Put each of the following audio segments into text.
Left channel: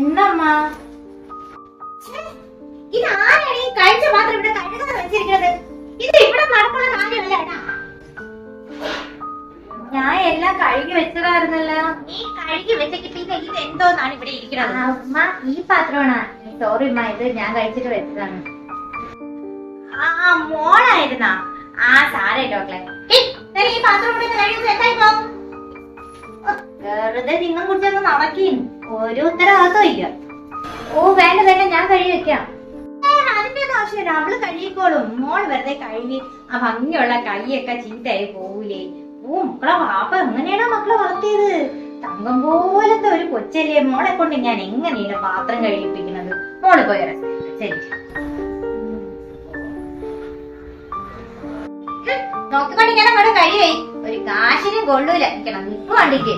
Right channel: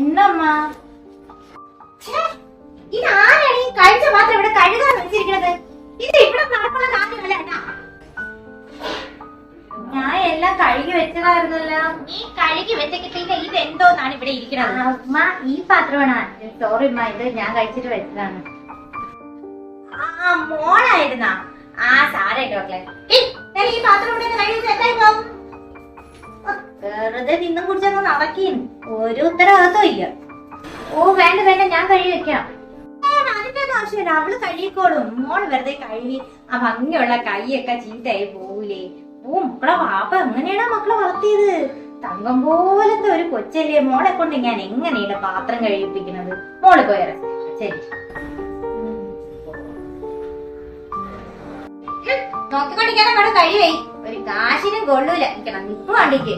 എന്നമ്മ ഇതാരാണ് ഈ കഴിച്ച മാത്രം ഇവിടെ കഴുകാൻ വെച്ചിരിക്കുന്നത്? ഇത് ഇവിടെ നടക്കുന്ന കാര്യമല്ല കേട്ടാ. ഞാൻ എല്ലാം കഴുകി വെച്ചതായിരുന്നല്ലോ. നീ കഴുകി വെച്ചിട്ടില്ല. ഇത് എന്തോന്നാണ് ഇവിടെ ഇരിക്കുന്നത്? അമ്മ ഈ പാത്രമാണ്. സോറി അമ്മ, ഇത് ഞാൻ കഴിച്ചിട്ട് വെച്ചതാണ്. ആ മോളായിരുന്നാ? ആ സാരട്ടോ മക്കളെ. ഈ പാത്രം ഇവിടെ കഴിച്ചത് എന്തായി പോകും? വെറുതെ നിന്നും കുടിച്ചൊന്ന് നടക്കീൻ. ഒരു ഉത്തരവാദിത്വം ഇല്ല. ഓ വേണ്ട വേണ്ട, ഞാൻ കഴുകി വെക്കാം. അതിന്റെ ഒന്നും ആവശ്യമില്ല, അവള് കഴുകിക്കോളും. മോൾ വെറുതെ കഴുകി ആ ഭംഗിയുള്ള കൈയൊക്കെ ചീത്തയായി പോവൂലേ. ഓ മക്കളെ വാപ്പ എങ്ങനെയാണോ മക്കളെ വളർത്തിയത്? തങ്കം പോലത്തെ ഒരു കൊച്ചല്ലേ. മോളെ കൊണ്ട് ഞാൻ എങ്ങനെയാണ് പാത്രം കഴിപ്പിക്കുന്നത്? മോള് പോയ ശരി നോക്കിക്കൊണ്ടിരിക്കണം. കട കഴിവേ ഒരു കാശിനും കൊള്ളൂല. നിക്കണം നിപ്പ് കണ്ടിക്ക്.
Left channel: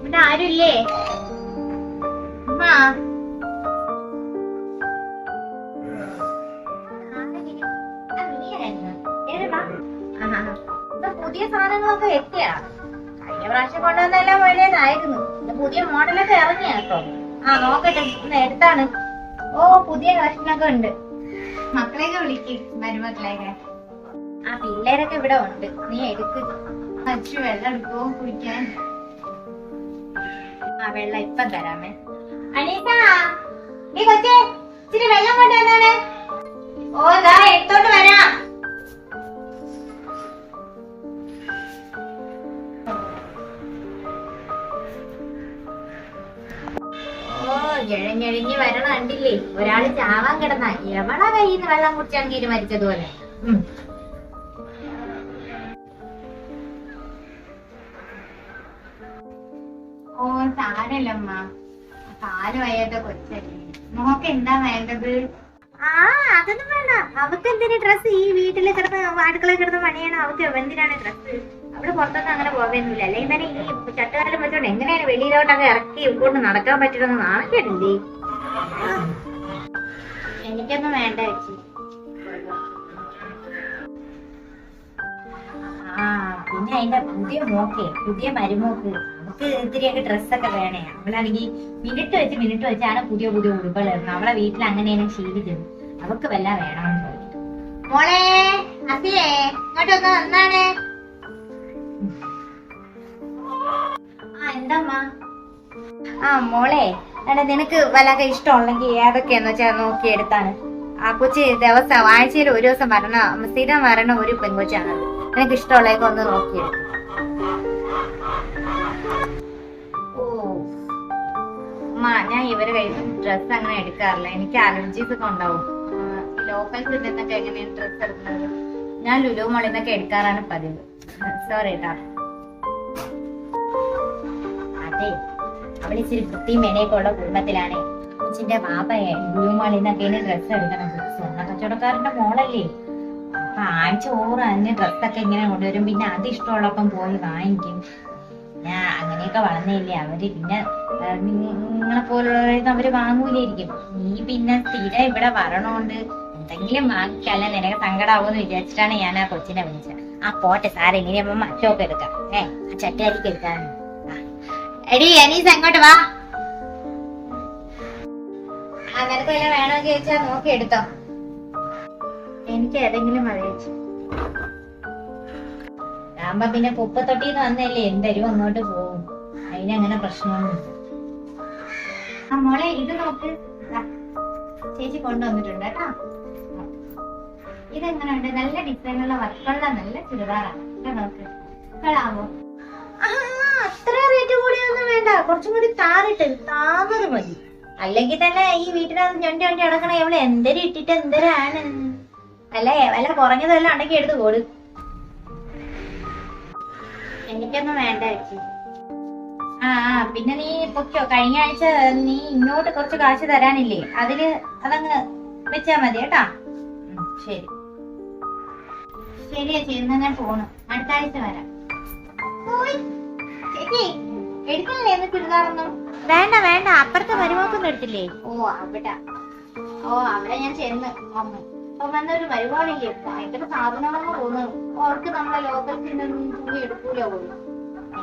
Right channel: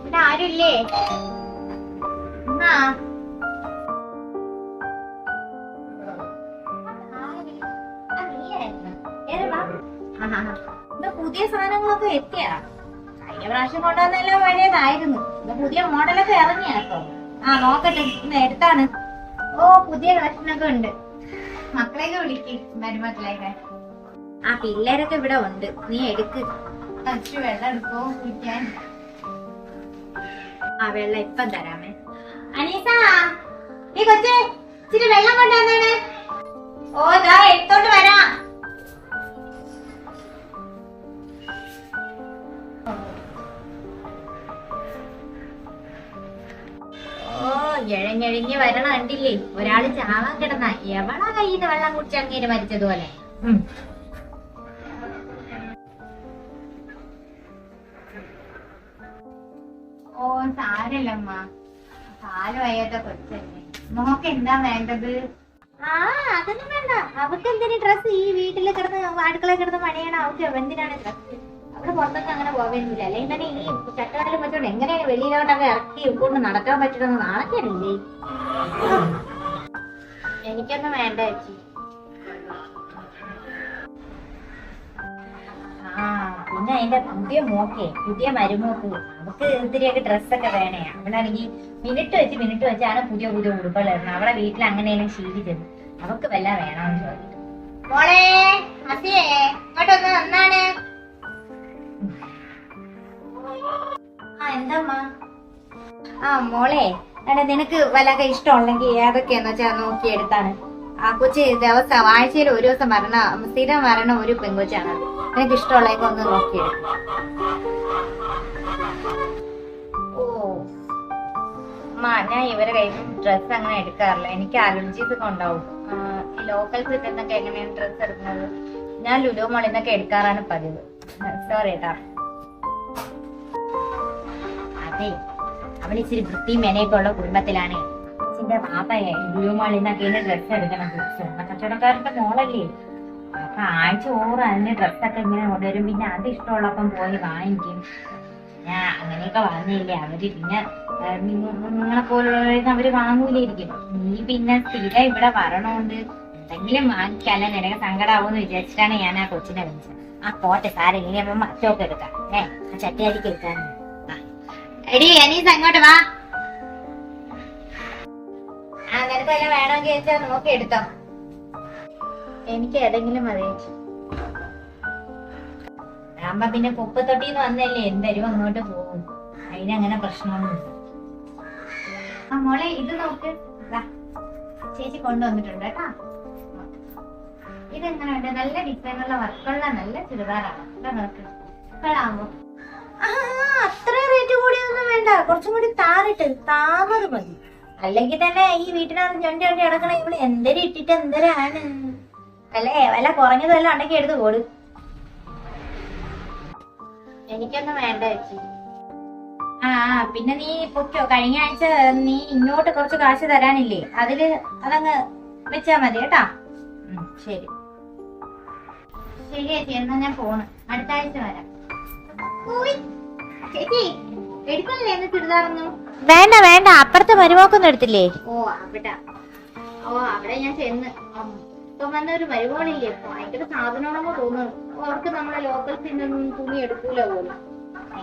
ഇവിടെ ആരുമില്ലേ? പുതിയ സാധനങ്ങളൊക്കെ എത്തിയാ? കഴിഞ്ഞ പ്രാവശ്യം കൊണ്ടുവന്നെല്ലാം പഴയതായിരുന്നു. ഇത് പുതിയ മോഡലൊക്കെ ഇറങ്ങിയാ കേട്ടോ. ആ നോക്കട്ടെ, ഇന്ന് എടുത്താണ്. ഓ പുതിയ കളക്ഷനൊക്കെ ഉണ്ട്. മക്കളെയൊക്കെ വിളിക്ക്, മരുമക്കളെയൊക്കെ. ആ പിള്ളേരൊക്കെ ഇവിടെ ഉണ്ട്. നീ എടുക്ക്. വെള്ളം എടുക്കോ കുടിക്കാൻ? ആ വെള്ളം ഇപ്പം തരാമേ. അനീസ നീ കൊച്ചേ ഇച്ചിരി വെള്ളം കൊണ്ടുവന്നാണ്. ഓ ദാ എടുത്തോണ്ട് വരാം. ഞെഴഞ്ഞെഴിഞ്ഞ് വരണ കണ്ടില്ലേ? ഒരാള് ചാവാൻ കിടന്ന എവളാ കയ്യിന്ന് വെള്ളം കുടിച്ചങ്ങീര് മരിച്ചതുപോലെ. ഓ സാരല്ലമ്മ, കാല് വയ്യാത്ത കൊച്ചല്ലേ. മോക്ക് എന്താ വേണ്ടത്? ആ അതൊന്നും വേണ്ട. അവക്ക് എന്തിനു ഡ്രസ്സ്? ഈ വീട്ടില് കിടന്ന് അടുക്കള കിടന്ന് പണിയാണ്. അവക്ക് എന്തിനാണ് ഡ്രസ്സ്? അവിടെ പുറത്തൊന്നും അങ്ങനെ പോവുന്നില്ല. അല്ലെങ്കിൽ തന്നെ ഈ ചട്ടകാലം വെച്ചോണ്ട് എങ്ങനെയാണ് വെളിയിലോട്ടൊക്കെ ഇറക്കി കൊണ്ട് നടക്കാൻ പറ്റുന്ന നാണക്കേടില്ലേ? എനിക്കൊന്നും വേണ്ട ചേച്ചി. ആ പിന്നെ അതിന്റെ പുതിയ മോക്കേ, പുതിയ മരുമോക്ക്, അവക്ക് ഇത്തിരിയൊക്കെ ഡ്രസ്സൊക്കെ വേണേ. അവളാണെങ്കിൽ മിനിറ്റ് വെച്ചാണ് പുതിയ പുതിയ ഉടുപ്പുകളായിരുന്നു. അവളെ വീട്ടിൽ അങ്ങനെയാണ് ശീലിച്ചത്. അവക്ക് വല്ല വേണമെന്ന് ചോദിച്ചിട്ട്. മോളെ അസിയേ ഇങ്ങോട്ടൊന്ന് എന്നാണ്? ആ എന്താ? ആ മോളെ എടാ, നിനക്ക് വല്ലൊക്കെ ഇഷ്ടമുണ്ടെങ്കിൽ ഏതൊക്കെയാന്ന് വെച്ചാൽ നോക്കി എടുത്താണ്. ആ കൊച്ചി ദിവസം ആഴ്ചയിൽ ഒരു ദിവസം സ്ഥിരം വരണ ഒരു പെങ്കൊച്ചാണത്. നിനക്ക് ഇഷ്ടമുള്ളതൊക്കെ ഒന്ന് നോക്കിയെടുക്കും. ഓ ഞാൻ ഇവരെ കയ്യിൽ ഡ്രസ്സ് അങ്ങനെ എടുക്കാറില്ല. എനിക്ക് അലർജീസ് ഒക്കെ ഉണ്ടാവും. ഈ ലോക്കൽ ഫുഡിൽ നിന്നൊക്കെ എങ്ങനെയാണ് ഡ്രസ്സ് എടുക്കുന്നത്? ഞാൻ ലുലു മോളിൽ നിന്നൊക്കെ എടുക്കാറാണ് പതിവ്. സോറി കേട്ടാ. അതെ, അവളിച്ചിരി വൃത്തിയും മെനയൊക്കെ ഉള്ള കുടുംബത്തിലാണേ. അച്ഛന്റെ പാപ്പയെ ലുലു മോളിൽ നിന്നൊക്കെ ഡ്രസ്സ് എടുക്കണം. സ്വർണ്ണ കച്ചവടക്കാരന്റെ മോളല്ലേ. അപ്പൊ ആഴ്ച ഓറ് അതിന്റെ ഡ്രസ്സൊക്കെ ഇങ്ങനെ കൊണ്ടുവരും. പിന്നെ അത് ഇഷ്ടമുള്ളപ്പം പോയി വാങ്ങിക്കും. പിന്നെ അങ്ങനെയൊക്കെ വളർന്നില്ലേ അവര്. പിന്നെ നിങ്ങളെ പോലുള്ളവരൊന്നും അവര് വാങ്ങൂലായിരിക്കും. നീ പിന്നെ സ്ഥിരം ഇവിടെ വരണോണ്ട് എന്തെങ്കിലും വാങ്ങിക്കല്ല നിനക്ക് സങ്കടാവൂന്ന് വിചാരിച്ചിട്ടാണ് ഞാൻ ആ കൊച്ചിനെ വിളിച്ചത്. ആ പോട്ടെ സാറേ, ഇനി അമ്മ മറ്റൊക്കെ എടുക്കാം. ആ ചട്ടുകാരിക്ക് എടുക്കാൻ. എടി അനീസ് അങ്ങോട്ട് വാ. ആ നിനക്ക് വല്ല വേണമെങ്കിൽ ചോദിച്ചാ നോക്കി എടുത്തോ. എനിക്ക് ഏതെങ്കിലും മതി ചേച്ചി. ആകുമ്പോ പിന്നെ കുപ്പത്തൊട്ടിന്ന് വന്നല്ലേ, എന്തരും അങ്ങോട്ട് പോകും. അതിനങ്ങനെ പ്രശ്നമൊന്നുമില്ല. ആ മോളെ ഇത് നോക്ക്, ചേച്ചി കൊണ്ടുവന്നിട്ടുണ്ട് കേട്ടോ. ഇതെങ്ങനെയുണ്ട്? നല്ല ഡിസൈനുള്ള വർക്കുള്ള നല്ല ചുരിദാറാണ്. നോക്ക് കളാവോ? അത്ര റേറ്റ് കൂടിയൊന്നും വേണ്ട. കുറച്ചും കൂടി താമത് മതി. അല്ലെങ്കിൽ തന്നെ ഈ വീട്ടിനകത്ത് ഞൊണ്ടി നടക്കണ എവിടെ എന്തരം ഇട്ടിട്ട് എന്തരാണ് അല്ലേ? വല്ല കുറഞ്ഞത് വല്ല ഉണ്ടെങ്കിൽ എടുത്ത് കൊടു. എനിക്കൊന്നും വേണ്ട ചേച്ചി. ആ പിന്നെ നീ പൊക്കോ. കഴിഞ്ഞ ആഴ്ച നീ ഇങ്ങോട്ട് കുറച്ച് കാശ് തരാനില്ലേ, അതങ്ങ് വെച്ചാ മതി കേട്ടാ. ശരി ശരി ചേച്ചി, എന്നാ ഞാൻ പോണ്. അടുത്ത ആഴ്ച വരാം. ചേച്ചി എടുക്കണല്ലേ എന്ന് ചുരിദാറൊന്നും? വേണ്ട വേണ്ട, അപ്പുറത്തെ മരുമോക്കൊന്നും എടുത്തില്ലേ? ഓ അവിടെ ഞാൻ ചെന്ന് ഇപ്പൊ വന്ന ഒരു മരുമോളില്ലേ, ഭയങ്കര സാധനമാണെന്ന് തോന്നുന്നു. അവർക്ക് നമ്മളെ ലോക്കൽസിൽ നിന്നും തുണി എടുക്കൂല പോലും.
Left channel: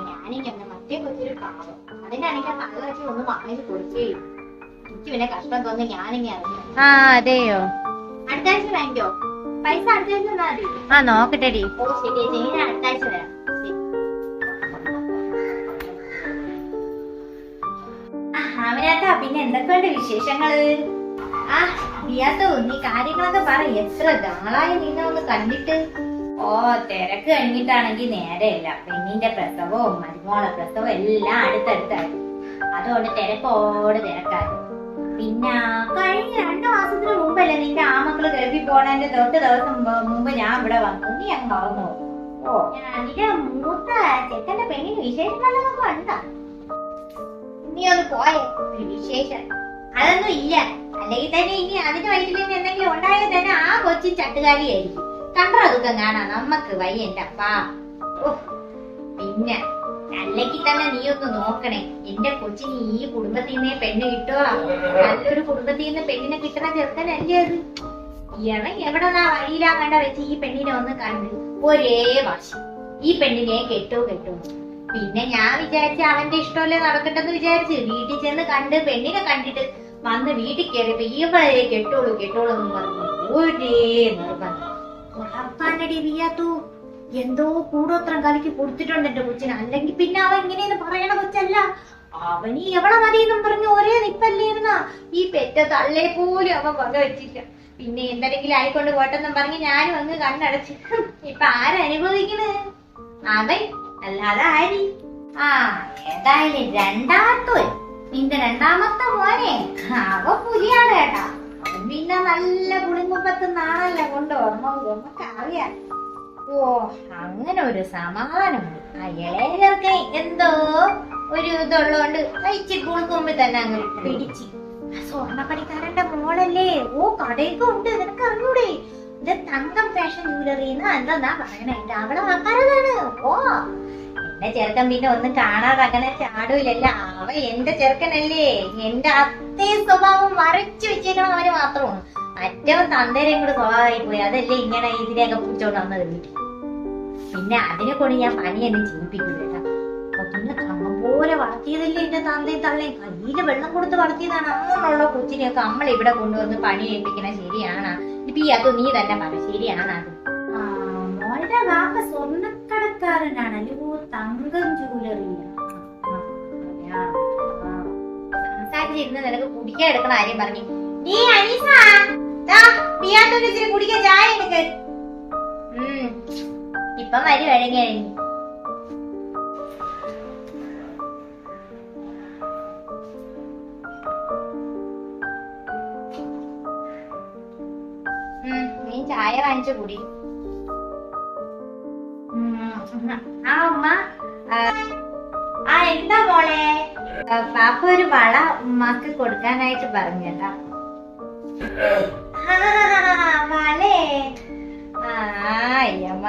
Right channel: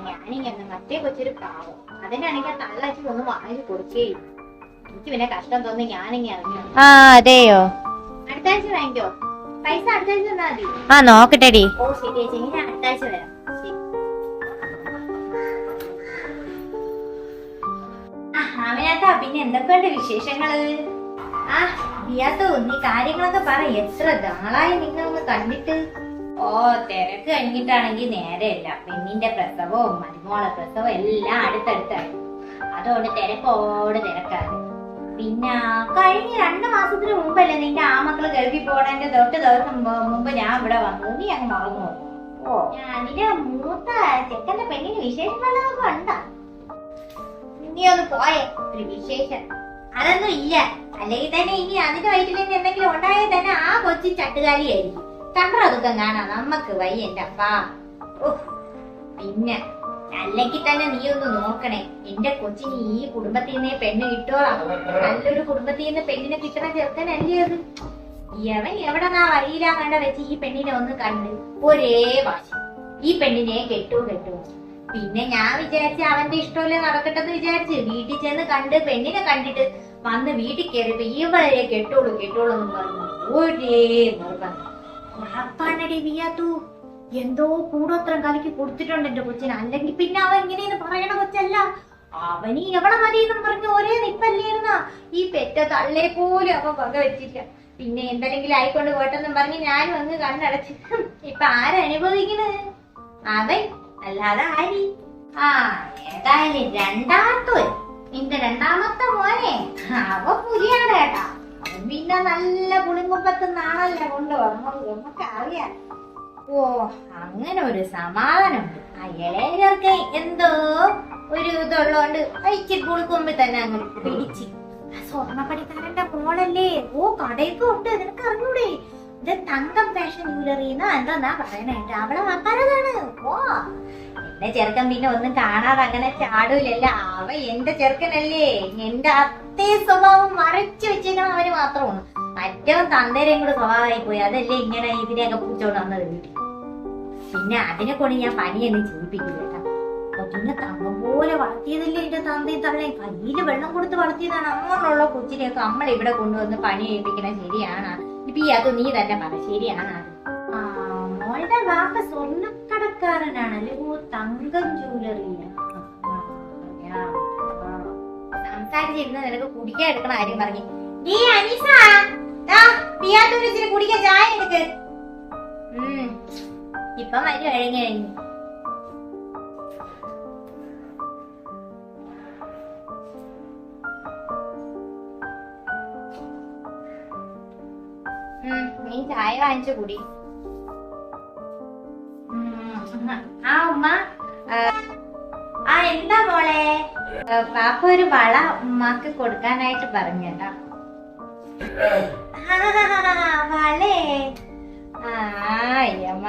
ഞാനിങ്ങനെ മറ്റേ കൊച്ചൊരു പാവം, അതിനാണെങ്കിൽ ആ തള്ളച്ചി ഒന്നും വാങ്ങിച്ചു കൊടുക്കുകയും. എനിക്ക് പിന്നെ കഷ്ടം തോന്നി ഞാനിങ്ങനെ അറിഞ്ഞു. അതെയോ? അടുത്ത ആഴ്ച വാങ്ങിക്കോ, പൈസ അടുത്ത ആഴ്ച തന്നാ മതി. നോക്കട്ടെടി. ഓ ശരി ചേച്ചി, ഞാൻ അടുത്ത ആഴ്ച വരാം. ശരി. അവനകത്താ പിന്നെ എന്തൊക്കെയുണ്ട് വിശേഷങ്ങള്? ബിയാത്തോ, നീ കാര്യങ്ങളൊക്കെ പറ. എത്ര നാളായി നിന്നെ ഒന്ന് കണ്ടിട്ട്. തിരക്ക് കഴിഞ്ഞിട്ടാണെങ്കിൽ നേരെയല്ല. പെണ്ണിന്റെ പ്രസവവും മരുമോളെ പ്രസവവും എല്ലാം അടുത്തടുത്തായിരുന്നു. അതുകൊണ്ട് തിരക്കോട് തിരക്കായിരുന്നു. പിന്നെ കഴിഞ്ഞ 2 മാസത്തിന് മുമ്പല്ലേ നിന്റെ ആമക്കള് ഗൾഫിൽ പോണതിന്റെ തൊട്ട് ദിവസം മുമ്പ് ഞാൻ ഇവിടെ വന്നു. നീ അങ്ങ് മറന്നു. നിന്റെ മൂത്ത ചെക്കന്റെ പെണ്ണിന് വിശേഷങ്ങളൊക്കെ ഉണ്ടാ? നീ ഒന്ന് പോയേ, ഒരു വിശേഷം അതൊന്നും ഇല്ല. അല്ലെങ്കിൽ തന്നെ ഇനി അതിന്റെ വയറ്റിൽ എന്തെങ്കിലും ഉണ്ടായാൽ തന്നെ ആ കൊച്ചി ചട്ടുകാലിയായിരിക്കും. കണ്ടോ ദുഃഖം കാണാ നമ്മക്ക് വയ്യ എന്റെ അപ്പാ. പിന്നെ അല്ലെങ്കിൽ തന്നെ നീ ഒന്ന് നോക്കണേ, എന്റെ കൊച്ചിന് ഈ കുടുംബത്തിൽ നിന്നേ പെണ്ണ് കിട്ടോളാം. നല്ലൊരു കുടുംബത്തിൽ നിന്ന് പെണ്ണിനെ കിട്ടണ ചെറുക്കനല്ലേ അത്. അവൻ എവിടെന്നാ വഴിയിലാ കണ്ട വെച്ച് ഈ പെണ്ണിനെ ഒന്ന് കണ്ട് ഒരേ വാശി, ഈ പെണ്ണിനെ കെട്ടു. പിന്നെ ഞാൻ വിചാരിച്ച അവന്റെ ഇഷ്ടമല്ലേ നടക്കട്ടെന്ന് വിചാരിച്ച് വീട്ടിൽ ചെന്ന് കണ്ട് പെണ്ണിനെ കണ്ടിട്ട് വന്ന് വീട്ടിൽ കയറിയപ്പോ ഇവളെ കെട്ടോളൂ എന്നും പറഞ്ഞു ഒരേ നിർബന്ധം. ഉറപ്പാണടി വിയാത്തു, എന്തോ കൂടോത്രം കലക്കി കൊടുത്തിട്ടുണ്ട് എന്റെ കൊച്ചിന്. അല്ലെങ്കിൽ പിന്നെ അവൻ ഇങ്ങനെയെന്ന് പറയണ കൊച്ചല്ല. അവന് എവളെ മതിയെന്നും പറഞ്ഞു ഒരേ നിപ്പല്ലിരുന്ന ഈ പെറ്റ തള്ളെ പോലും അവൻ വക വെച്ചില്ല. പിന്നെ എന്തെങ്കിലും ആയിക്കൊണ്ട് പോട്ടെന്നും പറഞ്ഞ് ഞാനും അങ്ങ് കണ്ണടച്ച്. ഇപ്പൊ ആരനുഭവിക്കണ്? അവൻ അല്ലാതെ ആരി. ഏതായാലും നിന്റെ രണ്ടാമത്തെ മോനെ അവ പുലിയാണ് കേട്ടാ. അവൻ പിന്നെ നല്ല പുളിങ്കുമ്പത്തുനിന്നാണല്ലോ കൊണ്ടുവന്നത്, നമുക്കറിയാം. അങ്ങനെ ഒരു സമാധാനമുണ്ട്. അയളേർക്ക് എന്തോ ഒരു ഇതുള്ളോണ്ട് ഇച്ചിരി പുളിക്കുമ്പിൽ തന്നെ അങ്ങ് പിടിച്ച്. സ്വർണ്ണപ്പണിക്കാരന്റെ മോളല്ലേ? കടയൊക്കെ ഉണ്ട്, നിനക്ക് അറിഞ്ഞൂടെ? ഇത് തങ്കം ഫാഷൻ ജ്വല്ലറി എന്താ പറയണേ, എന്റെ അവളെ ആൾക്കാരതാണ്. എന്റെ ചെറുക്കൻ പിന്നെ ഒന്നും കാണാതെ അങ്ങനെ ചാടൂലല്ല. അവ എന്റെ ചെറുക്കനല്ലേ, എന്റെ അതേ സ്വഭാവം വരച്ചു വെച്ചേക്കണം അവന് മാത്രമാണ്. മറ്റവൻ തന്തേരെയും കൂടെ സ്വഭാവമായി പോയി. അതല്ലേ ഇങ്ങനെ ഇതിനെയൊക്കെ പൂച്ചോണ്ട് വന്നത് വീട്ടിൽ. പിന്നെ അതിനെ കൊണ്ട് ഞാൻ പണിയൊന്നും ചെയ്യിപ്പിക്കില്ല കേട്ടാ. പിന്നെ തങ്കം പോലെ വളർത്തിയതല്ലേ എന്റെ തന്തയും തള്ളയും. കയ്യില് വെള്ളം കൊടുത്ത് വളർത്തിയതാണ്. അങ്ങനെയുള്ള കൊച്ചിനെയൊക്കെ നമ്മൾ ഇവിടെ കൊണ്ടുവന്ന് പണി ചെയ്യിപ്പിക്കണ ശരിയാണ്? ഇപ്പൊ ഈ അത് നീ തന്നെ പറ, ശരിയാണ് അത്? മോളുടെ വാപ്പ സ്വർണ്ണക്കടക്കാരനാണല്ലേ? തങ്കം ജ്വല്ലറിയില്ല. സംസാരിച്ചിരുന്ന നിനക്ക് കുടിക്കാൻ എടുക്കണ കാര്യം പറഞ്ഞു. നീ അനീസ കുടിക്കാൻ ചായ എടുക്ക്. ഇപ്പം വരി കഴിഞ്ഞു. നീ ചായ വാങ്ങിച്ചു കുടി. ഉമ്മ എന്താ മോളെ? പാപ്പ ഒരു വള ഉമ്മാക്ക് കൊടുക്കാനായിട്ട് പറഞ്ഞു കേട്ടാ. വളേ? അയ്യമ്മ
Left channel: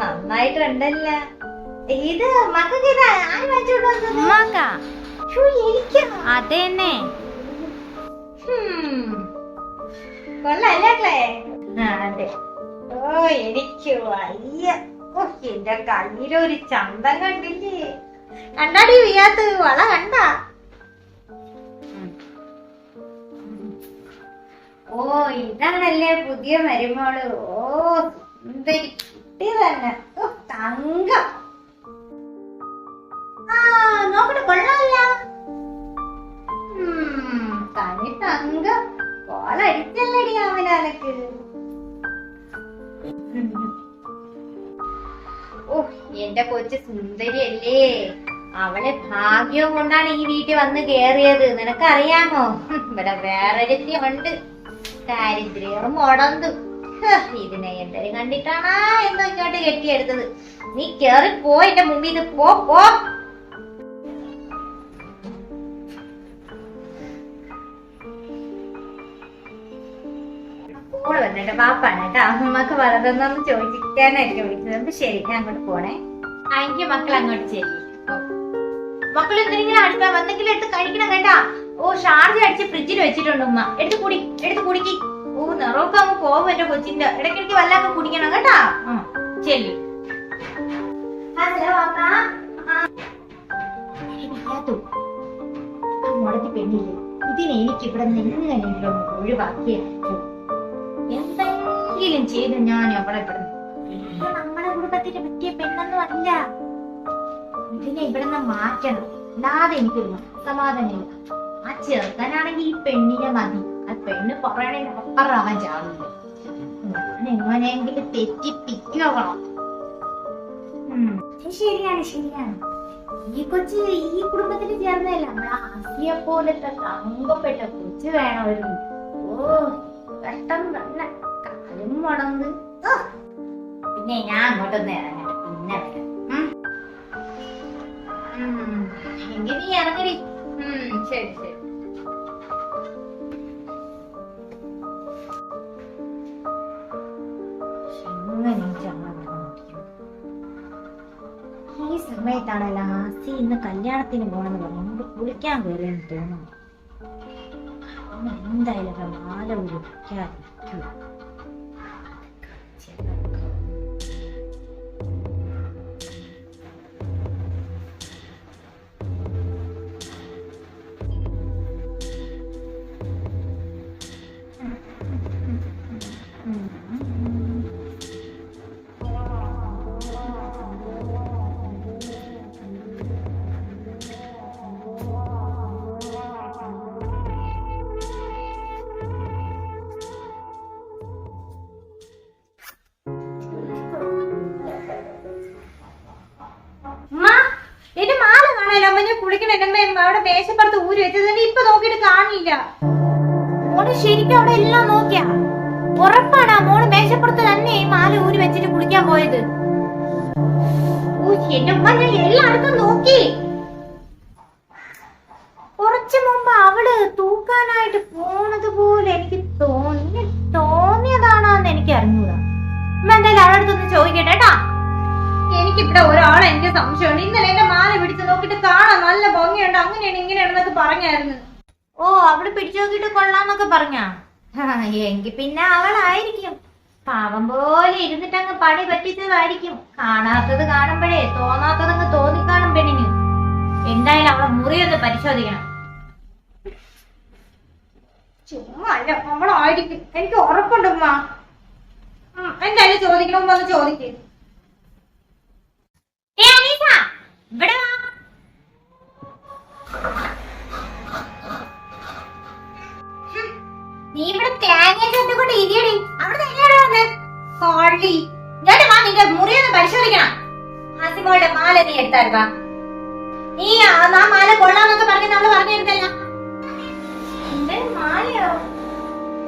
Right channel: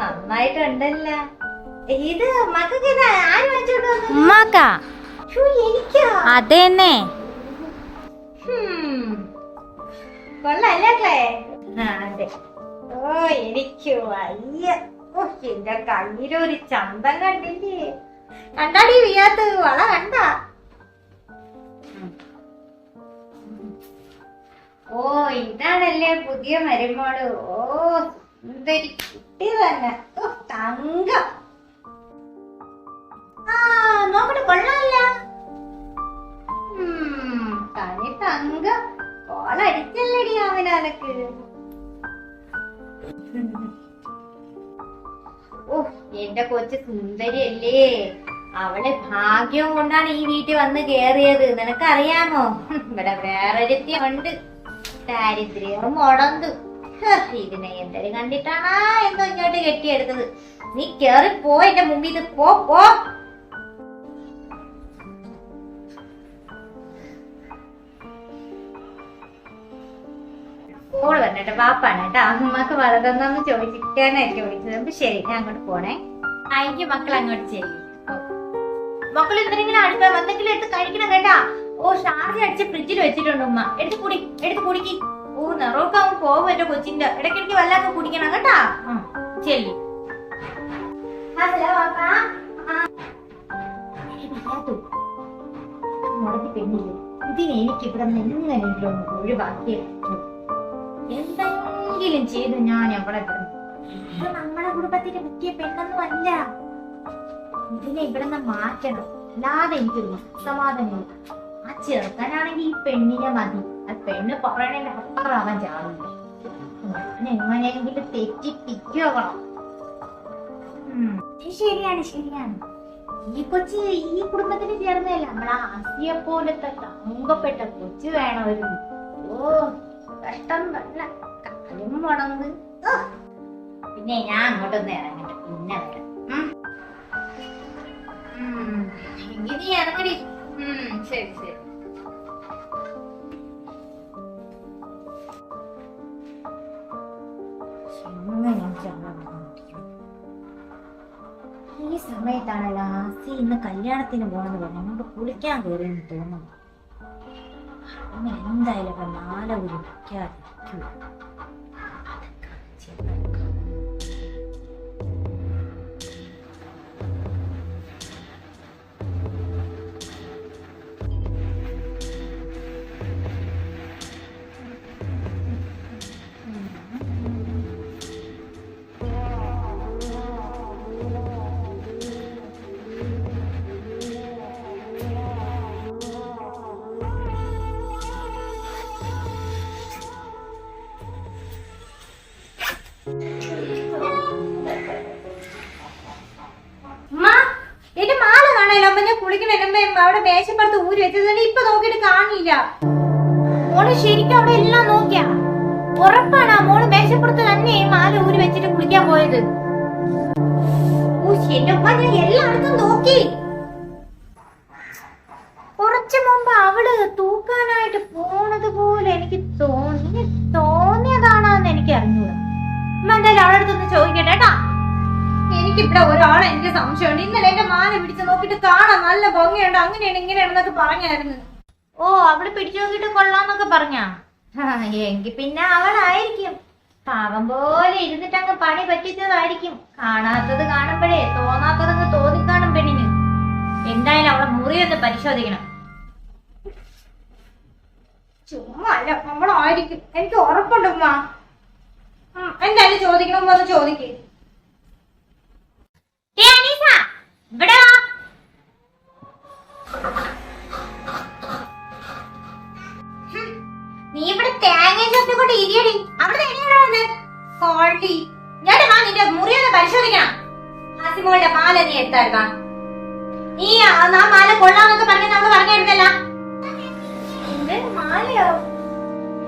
നന്നായിട്ടുണ്ടല്ല. ഇത് മക്കൾക്ക് ആര് വാങ്ങിച്ചോണ്ട് വന്നു? എനിക്കോ? അതെന്നെ. കൊള്ളല്ലേ? അതെ. എനിക്കോ അയ്യ. എന്റെ കയ്യിലൊരു ചന്തം കണ്ടില്ലേ? കണ്ടാടി വിയാത്ത് വള കണ്ടാ? ഇതാണല്ലേ പുതിയ മരുമോള്. എന്തൊരു കുട്ടി തന്നെ, തങ്കം. നോക്കട്ടെ, കൊള്ളാല്ല. തനി തങ്കം. കോളടിച്ചല്ലടി അവനക്ക്. എന്റെ കൊച്ചു സുന്ദരിയല്ലേ? അവളെ ഭാഗ്യം കൊണ്ടാണ് ഈ വീട്ടിൽ വന്ന് കേറിയത്. നിനക്കറിയാമോ? ഇവിടെ വേറൊരുത്തിയുണ്ട്, ദാരിദ്ര്യവും മുടന്തു. ഇതിനെ എന്തൊരു കണ്ടിട്ടാണാ എന്തോ ഇങ്ങോട്ട് കെട്ടിയെടുത്തത്. നീ കേറി പോ എന്റെ മുമ്പിൽ നിന്ന്. പോ. മോള് വന്നിട്ട് പാപ്പാണ് കേട്ടോ. അമ്മക്ക് വളർന്നെന്ന് ചോദിക്കാനായിരിക്കും വിളിച്ചത്. അപ്പൊ ശരി, ഞാൻ അങ്ങോട്ട് പോണേ. എനിക്ക് മക്കൾ അങ്ങോട്ട് ചെല്ലി. മക്കൾ എന്തെങ്കിലും അടുത്ത എന്തെങ്കിലും എടുത്ത് കഴിക്കണം കേട്ടാ. ഷാർജ അടിച്ച് ഫ്രിഡ്ജിൽ വെച്ചിട്ടുണ്ട് ഉമ്മ. എടുത്ത് കുടിക്ക്. ഓ നിറവൊക്കെ അങ്ങ് പോകും എന്റെ കൊച്ചിന്റെ. ഇടയ്ക്കിടയ്ക്ക് വല്ലതൊക്കെ കുടിക്കണം കേട്ടാ. ചെല്ലി മുടത്തി പെണ്ണില്ലേ, ഇതിനെ എനിക്ക് ഇവിടെ നിന്ന് എങ്ങനെയെങ്കിലും ഒന്ന് ഒഴിവാക്കിയേ പറ്റൂ. എന്തെങ്കിലും ചെയ്ത് ഞാൻ അവളെ ഇവിടുന്ന്, നമ്മുടെ കുടുംബത്തിന് പറ്റിയ പെണ്ണൊന്നും അല്ല, ഇതിനെ ഇവിടുന്ന് മാറ്റണം. അല്ലാതെ എനിക്കൊരു സമാധാനമില്ല. ആ ചെറുക്കനാണെങ്കിൽ ഈ പെണ്ണിനെ മതി. ആ പെണ്ണ് പറയണതിന്റെ അപ്പുറം അവൻ ചാടില്ല. ഞാൻ എങ്ങനെയെങ്കിലും തെറ്റിപ്പിക്കണം. ശരിയാണ് ശരിയാണ്. ഈ കൊച്ച് ഈ കുടുംബത്തിന് ചേർന്നതല്ല, നമ്മളെ ആസിയെ പോലത്തെ തങ്കപ്പെട്ട കൊച്ചു വേണമായിരുന്നു. ഓ കഷ്ടം തന്നെ, കാലും മുടങ്ങ്. പിന്നെ ഞാൻ അങ്ങോട്ടൊന്ന് ഇറങ്ങട്ടെ, പിന്നെ വരാം. എങ്കിൽ നീ ഇറങ്ങടി. ശരി ശരി. ഈ സമയത്താണല്ലോ ആസി ഇന്ന് കല്യാണത്തിന് പോണെന്ന് പറഞ്ഞു നമുക്ക് കുളിക്കാൻ കയറിയെന്ന് തോന്നുന്നു. എന്തായാലും ഒക്കെ മാല ഉരുക്കാതിരിക്കൂ. അവിടെ മേശപ്പുറത്ത് ഊരി വെച്ചത് ഇപ്പൊ നോക്കിയിട്ട് കാണില്ല. മോള് ശരിക്കും അവിടെ എല്ലാം നോക്കിയാ? ഉറപ്പാണ് മോള് മേശപ്പുറത്ത് തന്നെ മാല ഊരി വെച്ചിട്ട് കുളിക്കാൻ പോയത്? എന്റെ ഉമ്മ ഞാൻ എല്ലായിടത്തും നോക്കി. കുറച്ചു മുമ്പ് അവള് തൂക്കാനായിട്ട് പോണത് പോലെ എനിക്ക് തോന്നിയതാണെന്ന് എനിക്ക് അറിഞ്ഞൂടാ. ഉമ്മ എന്തായാലും അവളുടെ അടുത്തൊന്ന് ചോദിക്കട്ടെ കേട്ടാ. എനിക്കിവിടെ ഒരാളെ എനിക്ക് സംശയമുണ്ട്. ഇന്നലെ എന്റെ മാല പിടിച്ച് നോക്കിട്ട് കാണാൻ നല്ല ഭംഗിയുണ്ട്, അങ്ങനെയാണ് ഇങ്ങനെയാണെന്നൊക്കെ പറഞ്ഞായിരുന്നു. ഓ അവള് പിടിച്ചു നോക്കിട്ട് കൊള്ളാന്നൊക്കെ പറഞ്ഞാ? എങ്കി പിന്നെ അവളായിരിക്കും. പാവം പോലെ ഇരുന്നിട്ട് അങ്ങ് പണി പറ്റിച്ചതായിരിക്കും. കാണാത്തത് കാണുമ്പോഴേ തോന്നാത്തതങ്ങ് തോന്നിക്കാണും പെണ്ണിന്. എന്തായാലും അവളെ മുറിയൊന്ന് പരിശോധിക്കണം. ചുമ്മാ അല്ല, അവളായിരിക്കും, എനിക്ക് ഉറപ്പുണ്ട് ഉമ്മ. എന്തായാലും ചോദിക്കണം, ഉമ്മ ഒന്ന് ചോദിക്കേ. ഇവിടെ നീ ഇവിടെ തേങ്ങ ചുട്ടിക്കൊണ്ട് ഇരിയടി. അവിടെ എങ്ങനെയാണ് കോഴി? ഞാൻ വാ, നിന്റെ മുറിയൊന്ന് പരിശോധിക്കണം. ആസിമോളുടെ മാല നീ എടുത്തായിരുന്നാ? നീ ആ മാല കൊള്ളാന്നൊക്കെ പറഞ്ഞ നമ്മള് പറഞ്ഞിരുന്നല്ല. എന്റെ മാലയോ?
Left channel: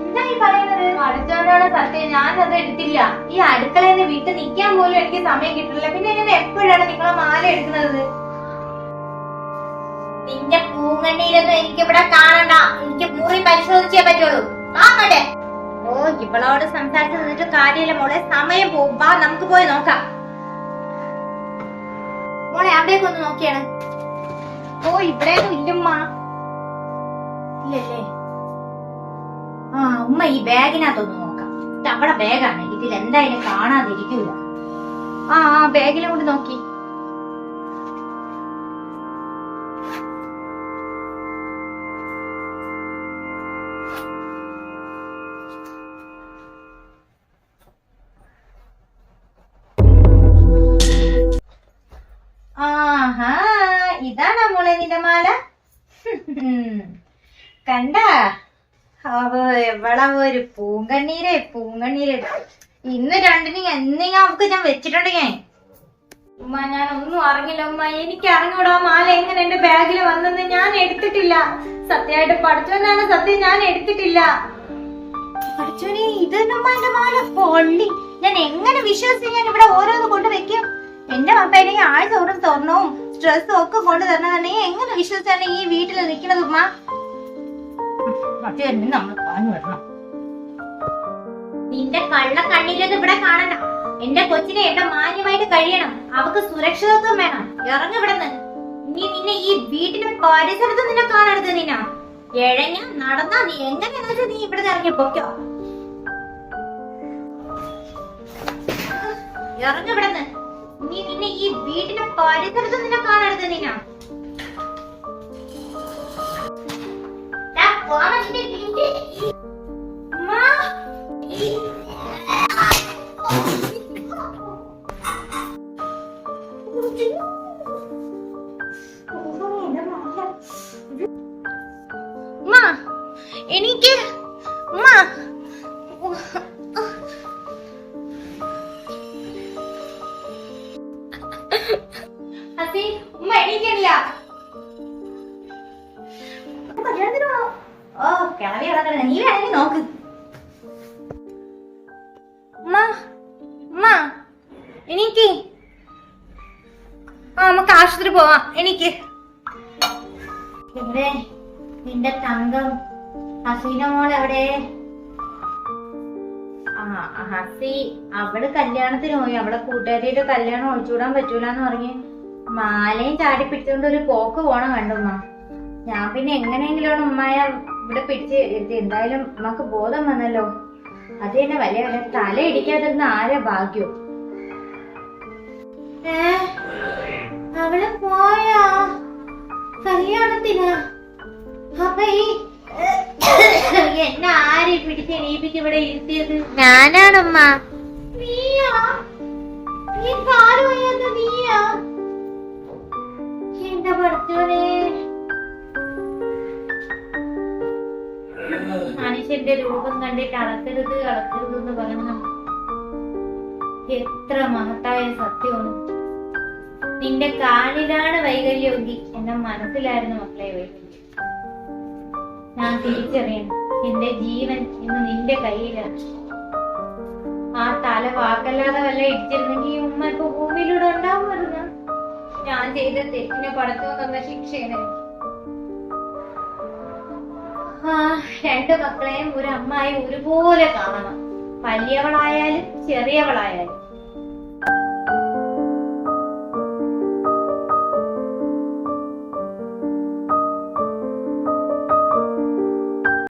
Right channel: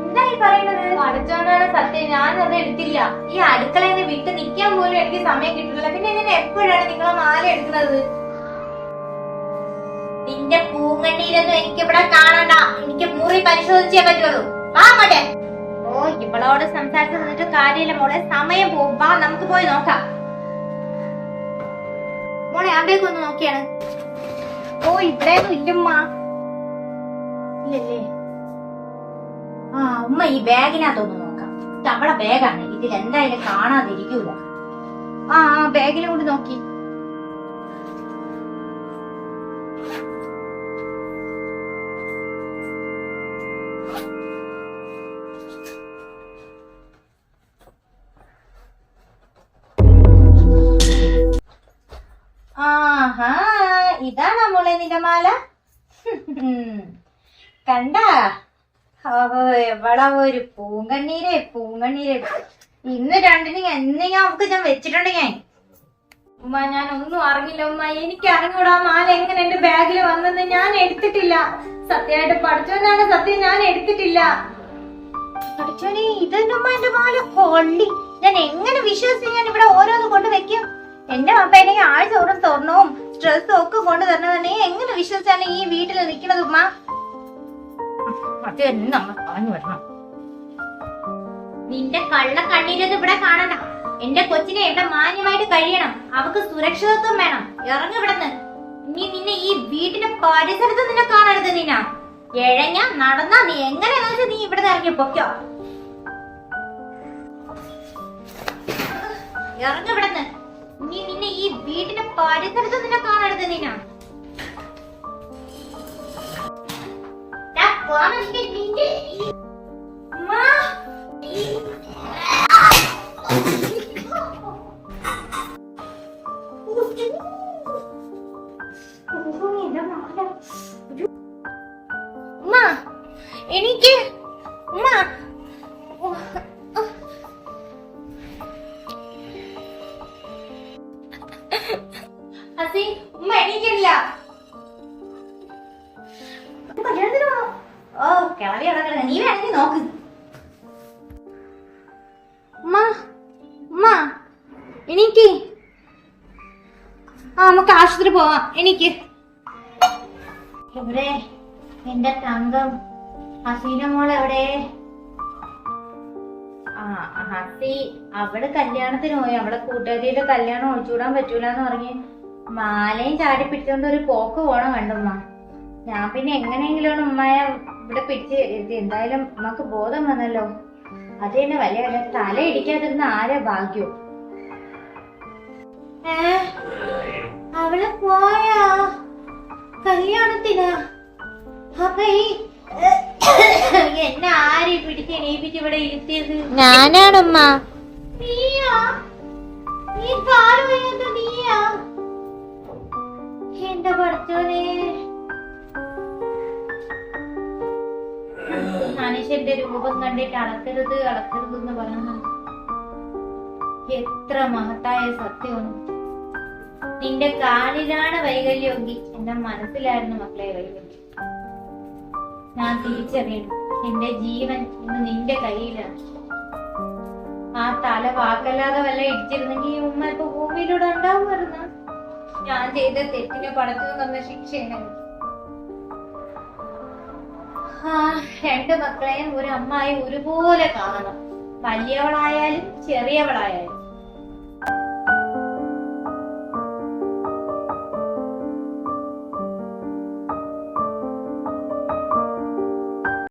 എന്താ ഈ പറയുന്നത്? അടുത്തോണ്ടാണ് സത്യം, ഞാനത് എടുത്തില്ല. ഈ അടുക്കളയിൽ നിന്ന് വിട്ട് നിൽക്കാൻ പോലും എനിക്ക് സമയം കിട്ടില്ല. പിന്നെ എന്നെ എപ്പോഴാണ് നിങ്ങളെ മാല എടുക്കുന്നത്? നിന്റെ പൂങ്കണ്ണീരൊന്നും എനിക്ക് ഇവിടെ കാണണ്ട. എനിക്ക് മുറി പരിശോധിച്ചേ പറ്റുള്ളൂ. വാങ്ങട്ടെ. ഓ ഇവളോട് സംസാരിച്ചു നിന്നിട്ട് കാര്യമില്ല മോളെ, സമയം പോകും. വാ നമുക്ക് പോയി നോക്കാം. മോളെ അവിടേക്ക് ഒന്ന് നോക്കിയാണ്. ഓ ഇവിടെയൊന്നും ഇല്ലമ്മ. ഇല്ലല്ലേ? ആ ഉമ്മ ഈ ബാഗിനകത്തൊന്ന് നോക്കാം. അവളെ ബാഗാണ്, ഇതിൽ എന്തായാലും കാണാതിരിക്കൂല. ആ ബാഗിലും കൂടി നോക്കി. ആഹാ ഇതാണോ മോളെ നിന്റെ മാല? കണ്ട എവളെ ഒരു പൂങ്കണ്ണീരെ. ഇന്ന് രണ്ടിനും എന്തെങ്കിലും അവക്ക് ഞാൻ വെച്ചിട്ടുണ്ട്. ഉമ്മ ഞാൻ ഒന്നും അറിഞ്ഞില്ല ഉമ്മ. എനിക്ക് അറിഞ്ഞൂടാ മാല എങ്ങനെ എന്റെ ബാഗിൽ വന്നെന്ന്. ഞാൻ എടുത്തിട്ടില്ല. സത്യമായിട്ട് പഠിച്ചോനാണ് സത്യം, ഞാൻ എടുത്തിട്ടില്ല. പഠിച്ചോനെ ഇതെന്നുമ്മ എന്റെ മാല കൊള്ളി. ഞാൻ എങ്ങനെ വിശ്വസിച്ച് ഞാൻ ഇവിടെ ഓരോന്ന് കൊണ്ട് വെക്കും? എന്റെ അപ്പനെ ആഴ്ചോറും സ്വർണവും സ്ട്രെസ്സും ഒക്കെ കൊണ്ട് തരണമെന്നുണ്ടെങ്കിൽ എങ്ങനെ വിശ്വസിച്ചാണ് ഈ വീട്ടിൽ നിൽക്കുന്നത് ഉമ്മ? നമ്മൾ പറഞ്ഞു വിടണം. നിന്റെ കള്ള കണ്ണീരൊന്നും ഇവിടെ കാണണ്ട. എന്റെ കൊച്ചിനെ ഇവിടെ മാന്യമായിട്ട് കഴിയണം. അവക്ക് സുരക്ഷിതത്വം വേണം. ഇറങ്ങി ഇവിടെന്ന്. നീ നിന്നെ ഈ വീട്ടിന്റെ പരിസരത്ത് നിന്നെ കാണരുത്. നിന്ന എഴഞ്ഞ നടന്നാ നീ എങ്ങനെയാന്ന് വെച്ചാൽ നീ ഇവിടെ ഇറങ്ങി പൊക്കോ. ഇറങ്ങിവിടുന്ന്. നീ നിന്നെ ഈ വീടിന്റെ പരിസരത്ത് നിന്നെ കാണരുത്. നീനാ എനിക്ക് ഉമ്മ എണീക്കണില്ല. ഓ കിളവി കിടക്കണ. നീ വേണമെങ്കിൽ നോക്ക്. ഉമ്മ ഉമ്മ എനിക്ക് നമുക്ക് ആശുപത്രി പോവാം. എനിക്ക് എവിടെ എന്റെ തങ്കം ഹസീന മോൾ എവിടെ? ഹസി അവള് കല്യാണത്തിന് പോയി. അവളെ കൂട്ടുകാരിയുടെ കല്യാണം ഒഴിച്ചുകൂടാൻ പറ്റൂലെന്ന് പറഞ്ഞ് മാലയും ചാടി പിടിച്ചോണ്ട് ഒരു പോക്ക് പോണം കണ്ടുമ്മ. ഞാൻ പിന്നെ എങ്ങനെയെങ്കിലും ഉമ്മയെ ഇവിടെ പിടിച്ച് ഇരുത്തി. എന്തായാലും ഉമ്മക്ക് ബോധം വന്നല്ലോ. അത് തന്നെ വലിയ തല ഇടിക്കാതിരുന്ന ആരെ ഭാഗ്യോ. അവള് പോയാ കല്യാണത്തിന്? അപ്പൊ ഈ എന്നെ ആരെ പിടിച്ച് എണീപ്പിച്ച് ഇവിടെ ഇരുത്തിയത്? ഞാനാണമ്മ. നീയാ? നീ കാല് വയ്യാത്ത നീയാ? എന്റെ പഠിച്ചോനെ, മനുഷ്യന്റെ രൂപം കണ്ടിട്ട് അളക്കരുത് അളക്കരുത് എന്ന് പറയുന്ന എത്ര മഹത്തായ സത്യമാണ്. നിന്റെ കാലിലാണ് വൈകല്യമെങ്കിൽ എന്റെ മനസ്സിലായിരുന്നു മക്കളെ വൈകല്യം. ഞാൻ തിരിച്ചറിയണം, എന്റെ ജീവൻ ഇന്ന് നിന്റെ കയ്യിലാണ്. ആ തല വാക്കല്ലാതെ വല്ല ഇടിച്ചിരുന്നെങ്കിൽ ഈ ഉമ്മ ഇപ്പൊ ഭൂമിയിലൂടെ ഉണ്ടാവുമായിരുന്നു. ഞാൻ ചെയ്ത തെറ്റിനെ പടച്ചു തന്ന ശിക്ഷയാണ്. രണ്ട് മക്കളെയും ഒരു അമ്മായി ഒരുപോലെ കാണണം. വലിയവളായാലും ചെറിയവളായാലും.